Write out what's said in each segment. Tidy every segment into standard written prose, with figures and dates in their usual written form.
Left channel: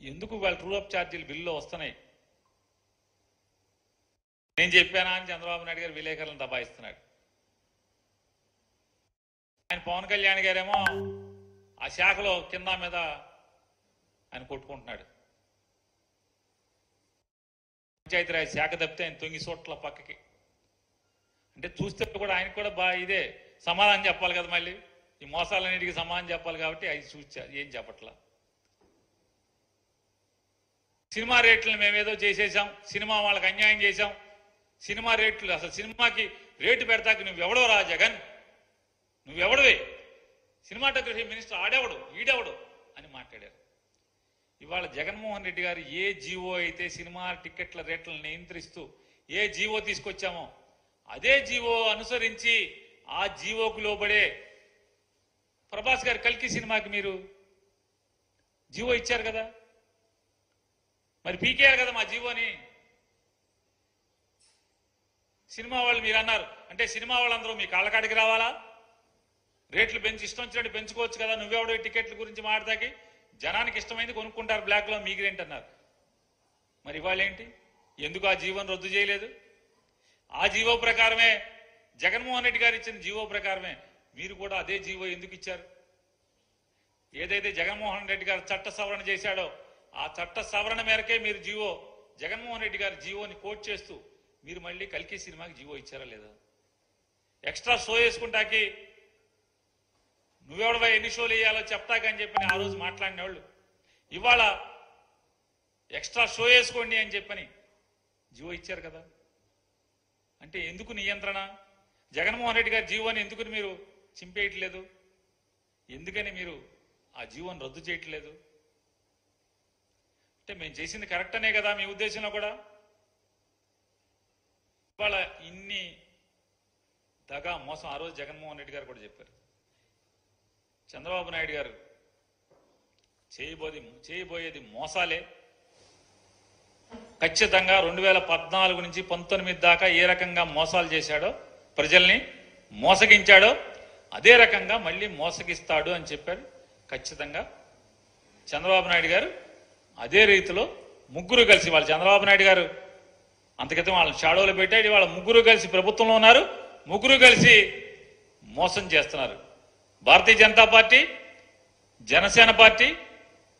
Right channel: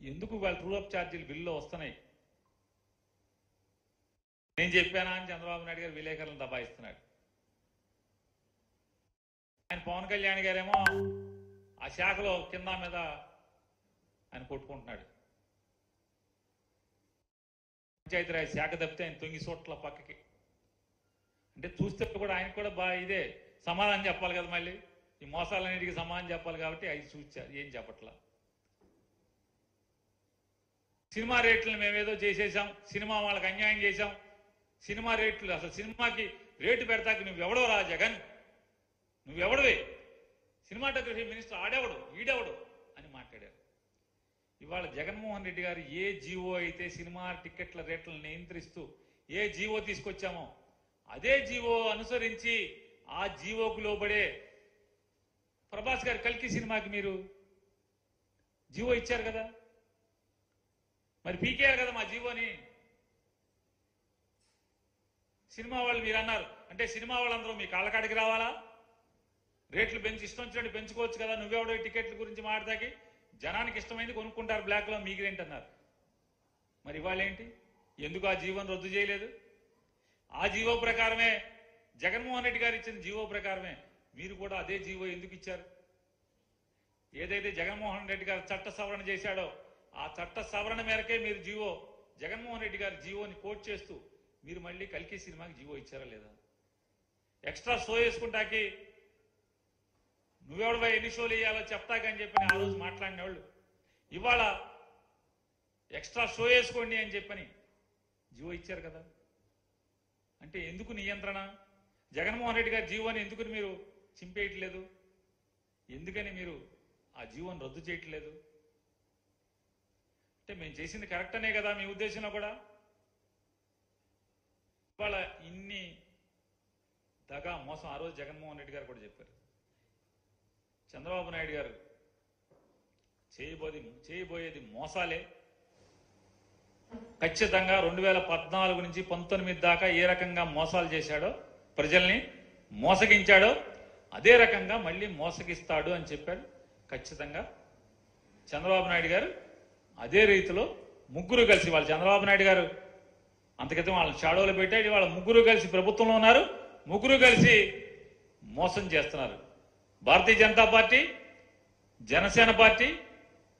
ఎందుకు వాళ్ళ true up ఛార్జీలు బిల్లులో వస్తున్నాయి? నేను చెప్పానా అని చంద్రబాబు నాయుడు గారు విలేకరులను దబాయిస్తున్నాడు. ఆయన పవన్ కళ్యాణ్ గారేమో ఆ శాఖలో కింద మీద ఆయన కొట్టుకుంటున్నాడు. పంచాయతీరాజ్ శాఖ తప్పితే ఆయన తొంగి చోట్ల పక్కకి. అంటే చూస్తే కూడా ఆయనకు కూడా బాగా ఇదే సమాధానం చెప్పాలి కదా, మళ్ళీ ఈ మోసాలన్నిటికీ సమాధానం చెప్పాలి కాబట్టి అది చూసా ఏం చెప్పట్లా. సినిమా రేట్లను మేమేదో చేసేసాం, సినిమా వాళ్ళకి అన్యాయం చేశాం, సినిమా రేట్లు అసలు సినిమాకి రేటు పెడతాక నువ్వెవడో రా జగన్, నువ్వెవడవే, సినిమాటోగ్రఫీ మినిస్టర్ ఆడెవడు ఈడెవడు అని మాట్లాడారు. ఇవాళ జగన్మోహన్ రెడ్డి గారు ఏ జీవో అయితే సినిమా టికెట్ల రేట్లను నియంత్రిస్తూ ఏ జీవో తీసుకొచ్చామో అదే జీవో అనుసరించి ఆ జీవోకు లోబడే ప్రభాస్ గారు కల్కి సినిమాకి మీరు జీవో ఇచ్చారు కదా, మరి పీకేయాలి కదా మా జీవోని. సినిమా వాళ్ళు మీరు అన్నారు అంటే సినిమా వాళ్ళందరూ మీ కాళ్ళకాడికి రావాలా? రేట్లు పెంచి ఇష్టం వచ్చినట్టు పెంచుకోవచ్చు కదా, నువ్వెవడో టికెట్ల గురించి మాట్లాడి జనానికి ఇష్టమైంది కొనుక్కుంటారు బ్లాక్లో, మీకేంటన్నారు. మరి ఇవాళ ఏంటి, ఎందుకు ఆ జీవోని రద్దు చేయలేదు? ఆ జీవో ప్రకారమే జగన్మోహన్ రెడ్డి గారు ఇచ్చిన జీవో ప్రకారమే మీరు కూడా అదే జీవో ఎందుకు ఇచ్చారు? ఏదైతే జగన్మోహన్ రెడ్డి గారు చట్ట సవరణ చేశాడో ఆ చట్ట సవరణ మేరకే మీరు జీవో జగన్మోహన్ రెడ్డి గారు జీవోని కోట్ చేస్తూ మీరు మళ్ళీ కల్కి సినిమాకి జీవో ఇచ్చారా లేదా? ఎక్స్ట్రా షో వేసుకుంటాకి నువ్వెవడవా ఎన్ని షోలు వేయాలో చెప్తాకని చెప్పని ఆ రోజు మాట్లాడిన వాళ్ళు ఇవాళ ఎక్స్ట్రా షో వేసుకోండి అని చెప్పని జీవో ఇచ్చారు కదా. అంటే ఎందుకు నియంత్రణ? జగన్మోహన్ రెడ్డి గారి జీవోని ఎందుకు మీరు చింపేయట్లేదు? ఎందుకని మీరు ఆ జీవోని రద్దు చేయట్లేదు? అంటే మేము చేసింది కరెక్ట్ అనే కదా మీ ఉద్దేశంలో కూడా? ఇవాళ ఇన్ని దగా మోసం ఆ రోజు జగన్మోహన్ రెడ్డి గారు కూడా చెప్పారు. చంద్రబాబు నాయుడు గారు చేయబోయేది మోసాలే. ఖచ్చితంగా 2014 నుంచి 19 దాకా ఏ రకంగా మోసాలు చేశాడో, ప్రజల్ని మోసగించాడో అదే రకంగా మళ్ళీ మోసగిస్తాడు అని చెప్పాడు. ఖచ్చితంగా చంద్రబాబు నాయుడు గారు అదే రీతిలో ముగ్గురు కలిసి, వాళ్ళు చంద్రబాబు నాయుడు గారు అంతక్రితం వాళ్ళని షాడోలో పెట్టాడు, వాళ్ళ ముగ్గురు కలిసి ప్రభుత్వంలో ఉన్నారు, ముగ్గురు కలిసి మోసం చేస్తున్నారు. భారతీయ జనతా పార్టీ, జనసేన పార్టీ,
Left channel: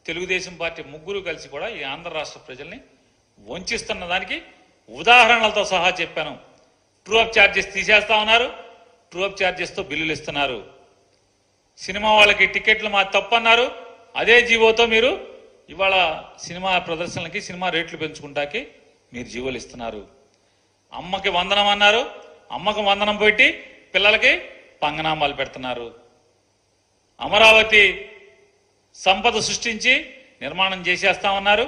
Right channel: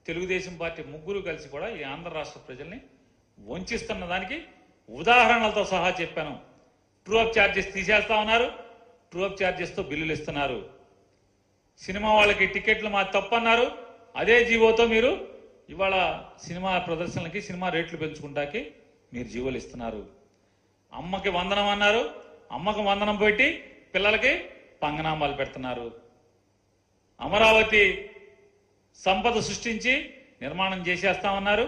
తెలుగుదేశం పార్టీ ముగ్గురు కలిసి కూడా ఈ ఆంధ్ర రాష్ట్ర ప్రజల్ని వంచిస్తున్న దానికి ఉదాహరణలతో సహా చెప్పాను. ట్రూ అప్ ఛార్జెస్ తీసేస్తా ఉన్నారు, ట్రూ అప్ ఛార్జెస్తో బిల్లులు ఇస్తున్నారు. సినిమా వాళ్ళకి టికెట్లు మా తప్పన్నారు, అదే జీవోతో మీరు ఇవాళ సినిమా ప్రదర్శనలకి సినిమా రేట్లు పెంచుకుంటాకి మీరు జీవోలు ఇస్తున్నారు. అమ్మకి వందనం అన్నారు, అమ్మకు వందనం పెట్టి పిల్లలకి పంగనామాలు పెడుతున్నారు. అమరావతి సంపద సృష్టించి నిర్మాణం చేసేస్తామన్నారు,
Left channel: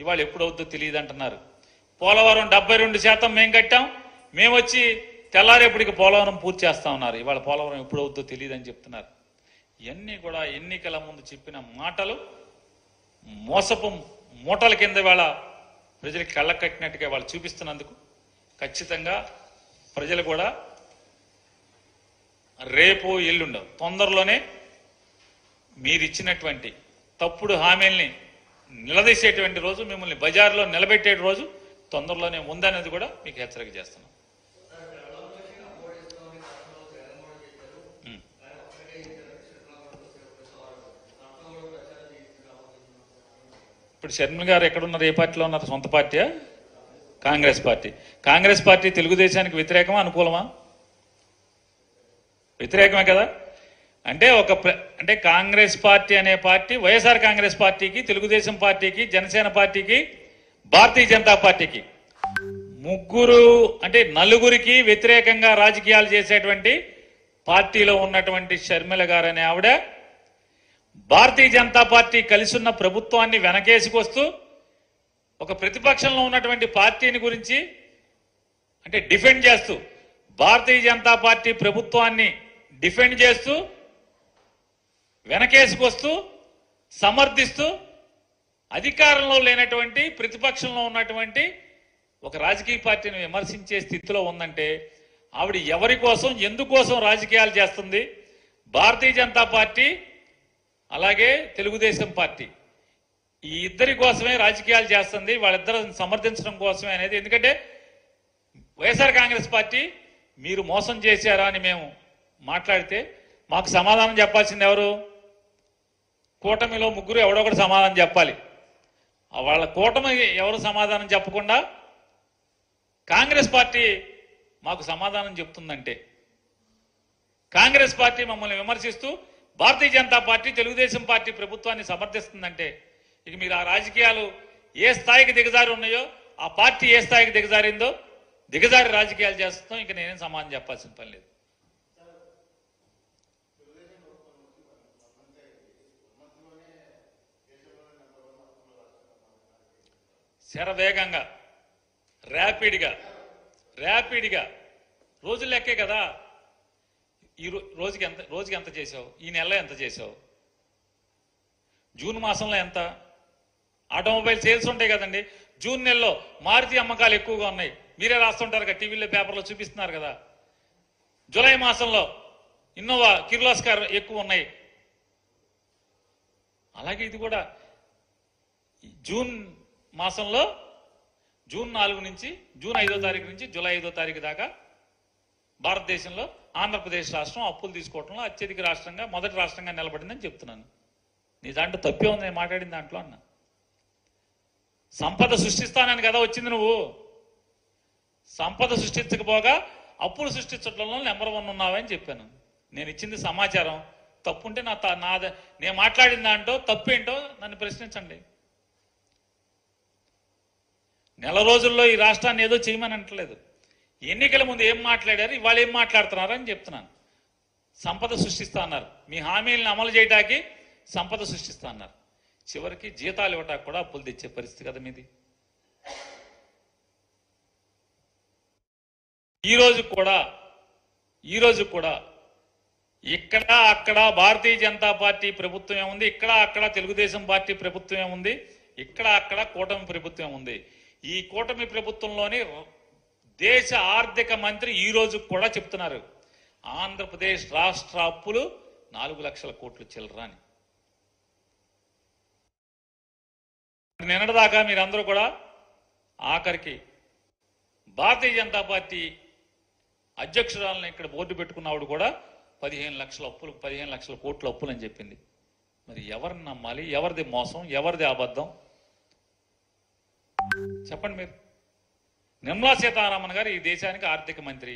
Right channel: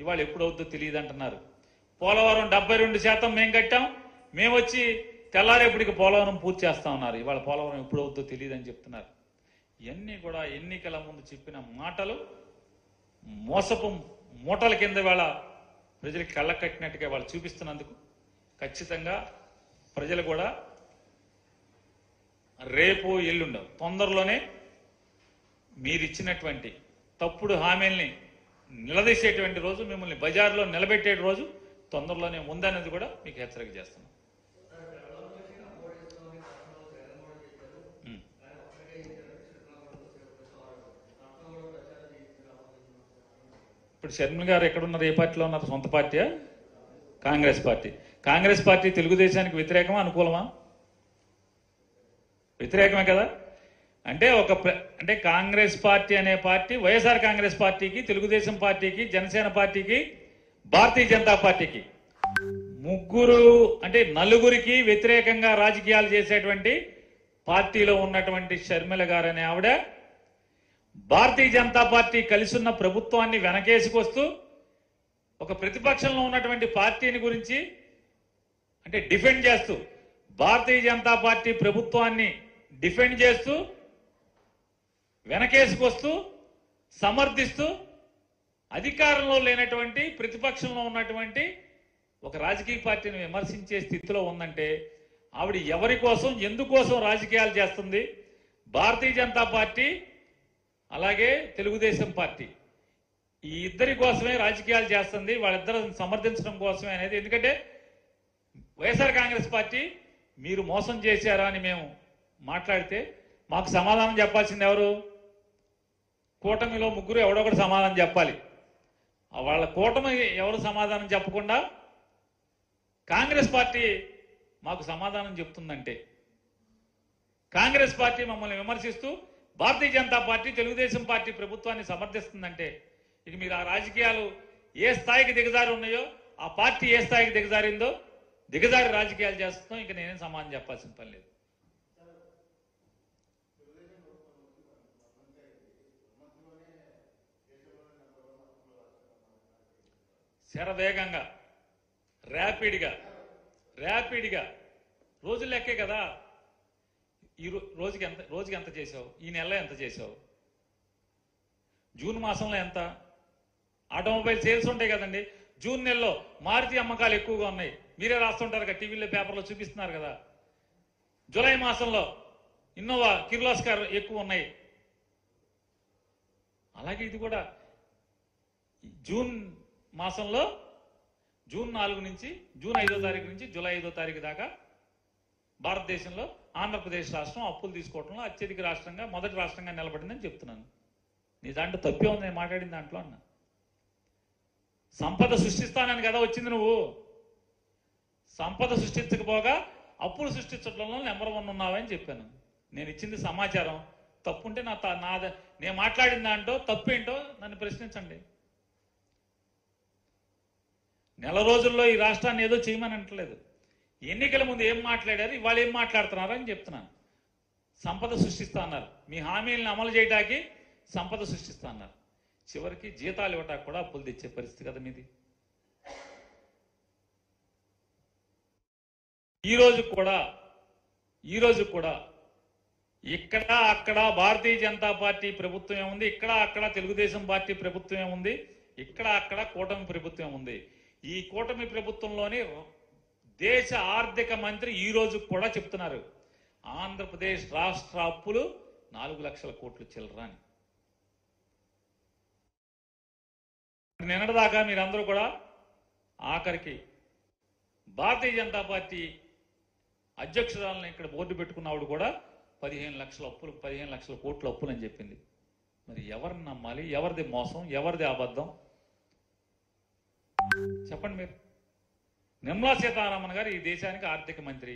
ఇవాళ ఎప్పుడవుద్దో తెలియదు అంటున్నారు. పోలవరం 72% మేము కట్టాం, మేము వచ్చి తెల్లారేపటికి పోలవరం పూర్తి చేస్తా ఉన్నారు, ఇవాళ పోలవరం ఎప్పుడవుద్దో తెలియదు అని చెప్తున్నారు. ఇవన్నీ కూడా ఎన్నికల ముందు చెప్పిన మాటలు మోసపు మూటల కింద వాళ్ళ ప్రజలకి కళ్ళ కట్టినట్టుగా వాళ్ళు చూపిస్తున్నందుకు ఖచ్చితంగా ప్రజలు కూడా రేపు ఎల్లుండో తొందరలోనే మీరు ఇచ్చినటువంటి తప్పుడు హామీల్ని నిలదీసేటువంటి రోజు, మిమ్మల్ని బజార్లో నిలబెట్టే రోజు తొందరలోనే ఉందనేది కూడా మీకు హెచ్చరిక చేస్తున్నాం. ఇప్పుడు షర్మిల గారు ఎక్కడున్నారు, ఏ పార్టీలో ఉన్నారు? సొంత పార్టీయా? కాంగ్రెస్ పార్టీ. కాంగ్రెస్ పార్టీ తెలుగుదేశానికి వ్యతిరేకమా అనుకూలమా? వ్యతిరేకమే కదా. అంటే కాంగ్రెస్ పార్టీ అనే పార్టీ వైఎస్ఆర్ కాంగ్రెస్ పార్టీకి, తెలుగుదేశం పార్టీకి, జనసేన పార్టీకి, భారతీయ జనతా పార్టీకి నలుగురికి వ్యతిరేకంగా రాజకీయాలు చేసేటువంటి పార్టీలో ఉన్నటువంటి షర్మిల గారు అనే ఆవిడ భారతీయ జనతా పార్టీ కలిసి ఉన్న ప్రభుత్వాన్ని వెనకేసుకొస్తూ ఒక ప్రతిపక్షంలో ఉన్నటువంటి పార్టీని గురించి డిఫెండ్ చేస్తూ, భారతీయ జనతా పార్టీ ప్రభుత్వాన్ని డిఫెండ్ చేస్తూ, వెనకేసుకొస్తూ, సమర్థిస్తూ, అధికారంలో లేనటువంటి ప్రతిపక్షంలో ఉన్నటువంటి ఒక రాజకీయ పార్టీని విమర్శించే స్థితిలో ఉందంటే ఆవిడ ఎవరి కోసం, ఎందుకోసం రాజకీయాలు చేస్తుంది? భారతీయ జనతా పార్టీ అలాగే తెలుగుదేశం పార్టీ ఈ ఇద్దరి కోసమే రాజకీయాలు చేస్తుంది, వాళ్ళిద్దరు సమర్థించడం కోసమే అనేది. ఎందుకంటే వైఎస్ఆర్ కాంగ్రెస్ పార్టీ మీరు మోసం చేశారా అని మేము మాట్లాడితే మాకు సమాధానం చెప్పాల్సింది ఎవరు? కూటమిలో ముగ్గురు ఎవడో ఒకటి సమాధానం చెప్పాలి. వాళ్ళ కూటమి ఎవరు సమాధానం చెప్పకుండా కాంగ్రెస్ పార్టీ మాకు సమాధానం చెప్తుందంటే, కాంగ్రెస్ పార్టీ మమ్మల్ని విమర్శిస్తూ భారతీయ జనతా పార్టీ తెలుగుదేశం పార్టీ ప్రభుత్వాన్ని సమర్థిస్తుందంటే, ఇక మీరు ఆ రాజకీయాలు ఏ స్థాయికి దిగజారి ఉన్నాయో, ఆ పార్టీ ఏ స్థాయికి దిగజారిందో దిగజారి రాజకీయాలు చేస్తాం. ఇక నేనేం సమాధానం చెప్పాల్సిన పని లేదు. శరవేగంగా ర్యాపిడ్గా రోజులు లెక్కే కదా. ఈ రోజుకి ఎంత చేసావు? ఈ నెలలో ఎంత చేసావు? జూన్ మాసంలో ఎంత? ఆటోమొబైల్ సేల్స్ ఉంటాయి కదండి. జూన్ నెలలో మారుతి అమ్మకాలు ఎక్కువగా ఉన్నాయి, మీరే రాస్తుంటారు కదా, టీవీలో పేపర్లో చూపిస్తున్నారు కదా. జూలై మాసంలో ఇన్నోవా కిర్లోస్కర్ ఎక్కువ ఉన్నాయి. అలాగే ఇది కూడా జూన్ మాసంలో జూన్ 4 నుంచి జూన్ 5వ తారీఖు నుంచి జూలై 5వ తారీఖు దాకా భారతదేశంలో ఆంధ్రప్రదేశ్ రాష్ట్రం అప్పులు తీసుకోవడంలో అత్యధిక రాష్ట్రంగా, మొదటి రాష్ట్రంగా నిలబడిందని చెప్తున్నాను. నీ దాంట్లో తప్పే ఉంది నేను మాట్లాడిన దాంట్లో అన్న. సంపద సృష్టిస్తానని కదా వచ్చింది నువ్వు. సంపద సృష్టించకపోగా అప్పులు సృష్టించడంలో నెంబర్ 1 ఉన్నావని చెప్పాను. నేను ఇచ్చింది సమాచారం. తప్పుంటే నేను మాట్లాడిన దాంట్లో తప్పేంటో నన్ను ప్రశ్నించండి. నెల రోజుల్లో ఈ రాష్ట్రాన్ని ఏదో చేయమని అంటలేదు. ఎన్నికల ముందు ఏం మాట్లాడారు, ఇవాళ ఏం మాట్లాడుతున్నారు అని చెప్తున్నాను. సంపద సృష్టిస్తా అన్నారు, మీ హామీలను అమలు చేయడానికి సంపద సృష్టిస్తా అన్నారు. చివరికి జీతాలు ఇవ్వటానికి కూడా అప్పులు తెచ్చే పరిస్థితి కదా మీది. ఈ రోజు కూడా ఇక్కడ అక్కడ భారతీయ జనతా పార్టీ ప్రభుత్వమే ఉంది, ఇక్కడ అక్కడ తెలుగుదేశం పార్టీ ప్రభుత్వమే ఉంది, ఇక్కడ అక్కడ కూటమి ప్రభుత్వం ఉంది. ఈ కూటమి ప్రభుత్వంలోని దేశ ఆర్థిక మంత్రి ఈ రోజు కూడా చెప్తున్నారు, ఆంధ్రప్రదేశ్ రాష్ట్ర అప్పులు 4 లక్షల కోట్లు చిల్లరా అని. నిన్నటిదాకా మీరందరూ కూడా ఆఖరికి భారతీయ జనతా పార్టీ అధ్యక్షురాలను ఇక్కడ బోర్డు పెట్టుకున్నవాడు కూడా 15 లక్షల అప్పులు, 15 లక్షల కోట్ల అప్పులు అని చెప్పింది. మరి ఎవరిని నమ్మాలి? ఎవరిది మోసం? ఎవరిది అబద్ధం? చెప్పండి మీరు. నిర్మలా సీతారామన్ గారు ఈ దేశానికి ఆర్థిక మంత్రి.